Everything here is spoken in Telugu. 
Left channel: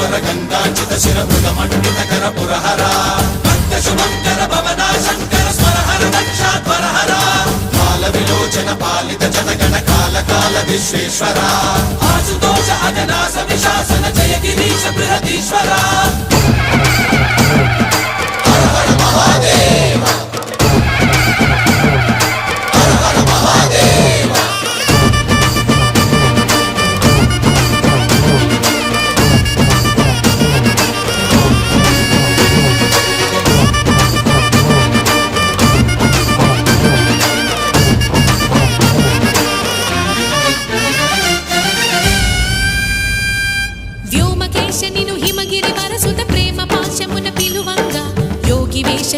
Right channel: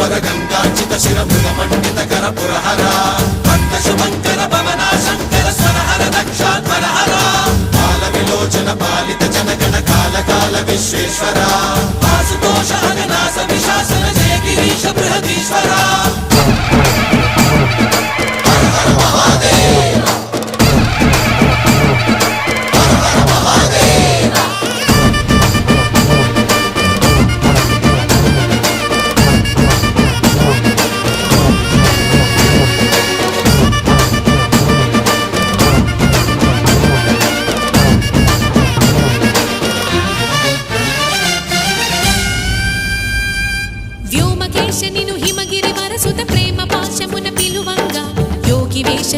वर गंगाचित शिर मृगमंडित कर पुरहरा भक्त शुभंकर भवना शंकर स्वरहर दक्षाध्वरहरा काल विलोचन पालित जनगण काल काल विश्वेश्वरा आशुतोष अजनास विशासन जय गिरीश बृहदीश्वरा వ్యోమకేశ నిను హిమగిరి వరసుత ప్రేమ పాశమున పిలువంగా యోగి వేష